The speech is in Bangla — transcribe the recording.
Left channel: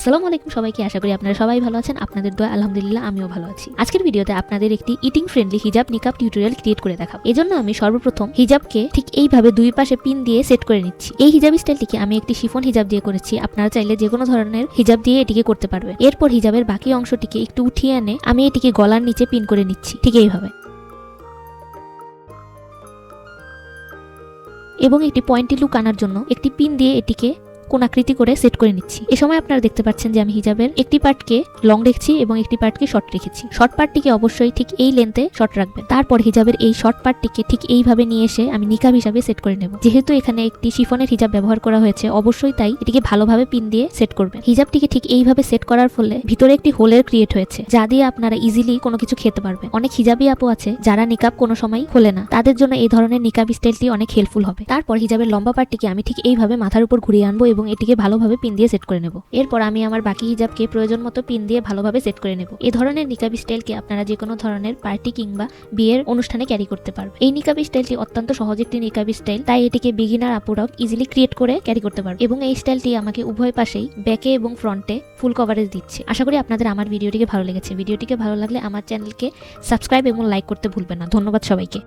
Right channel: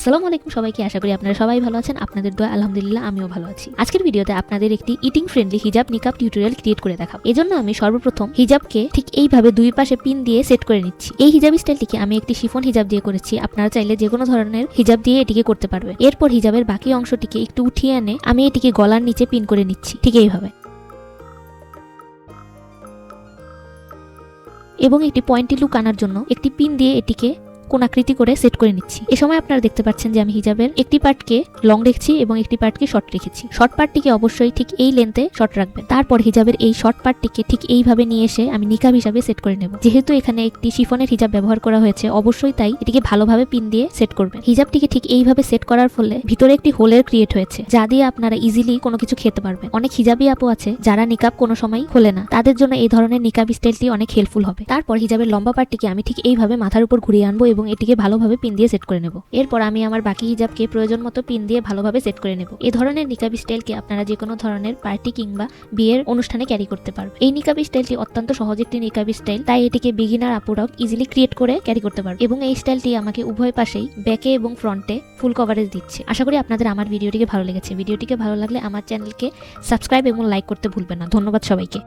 আসসালামু আলাইকুম সবাইকে, আশা করি আপনারা সবাই ভালো আছেন। আপনাদের দোয়া আলহামদুলিল্লাহ আমিও ভালো আছি। আজকের ভিডিওতে আপনাদের একটি ইটিং ফ্রেন্ডলি হিজাব নিকাব টিউটোরিয়াল ক্রিয়েট করে দেখাবো। এজন্য আমি সর্বপ্রথম হিজাবকে ঠিক এইভাবে দুই পাশে পিন দিয়ে সেট করে নিচ্ছি। এই হিজাব স্টাইলটিকে আমি একটি শিফন হিজাব দিয়ে করেছি। আপনারা চাইলে যে কোনো ধরনের হিজাব দিয়ে এটিকে করতে পারবেন। এরপর হিজাবের বাকি অংশটিকে একটু উঠিয়ে এনে আমি এটিকে গলার নিচে পিন করে নিচ্ছি, ঠিক এইভাবে। এবং একটি পয়েন্টি লুক আনার জন্য একটি পিন দিয়ে এটিকে কোণাকৃতি করে সেট করে নিচ্ছি। এই সময় আপনারা দেখতে পাচ্ছেন যে আমি হিজাবের একটি পার্টকে লং রেখেছি এবং একটি পার্টকে শর্ট রেখেছি। শর্ট পার্টটিকে অবশ্যই ঠিক এই লেন্থে শর্ট রাখবেন। তারপর হিজাবের এই শর্ট পার্টটিকে ঠিক এইভাবে নিয়ে এসে আমি নিকাব হিসাবে সেট করে নেব। যেহেতু এখানে একটি শিফনের হিজাব ব্যবহার করা হয়েছে, অবশ্যই তাই এটিকে ভালোভাবে পিন দিয়ে সেট করবেন। হিজাবটিকে ঠিক এইভাবে সেট করার ফলে ভিতরে একটি হোলের ক্রিয়েট হয়েছে, যা দিয়ে আপনারা ইজিলি কোনো কিছু খেতে পারবেন। অনেক হিজাবি আপু আছে যারা নিকাব কোনো সময় খোলে না, তাদের জন্য এই ধরনের নিকাব স্টাইলটি অনেক হেল্পফুল হবে। তারপর হিজাবের লম্বা পার্টটিকে আমি ঠিক এইভাবে মাথার উপর ঘুরিয়ে আনবো এবং এটিকে ভালোভাবে পিন দিয়ে সেট করে নেব। এরপর আমি আমার বাকি হিজাবকে প্রয়োজন মতো পিন দিয়ে ভালোভাবে সেট করে নেব। এই ধরনের নিকাব স্টাইলকে আপনারা যে কোনো ধরনের পার্টি কিংবা বিয়ের অনুষ্ঠানে ক্যারি করতে পারবেন। এই নিকাব স্টাইলটি অত্যন্ত সহজ একটি নিকাব স্টাইল, তাই এটিকে বিগিনার আপুরাও ইজিলি ক্রিয়েট করে ক্যারি করতে পারবে। এবং এই স্টাইলটি আমাকে উভয় পাশেই ব্যাকে এবং ফ্রন্টে ফুল কভারেজ দিচ্ছে। আশা করি আপনাদের আমার ভিডিওটিকে ভালো লেগেছে। ভিডিওটিকে ভালো লাগলে আমার চ্যানেলকে সাবস্ক্রাইব এবং লাইক করতে ভুলবেন না। ধন্যবাদ সবাইকে।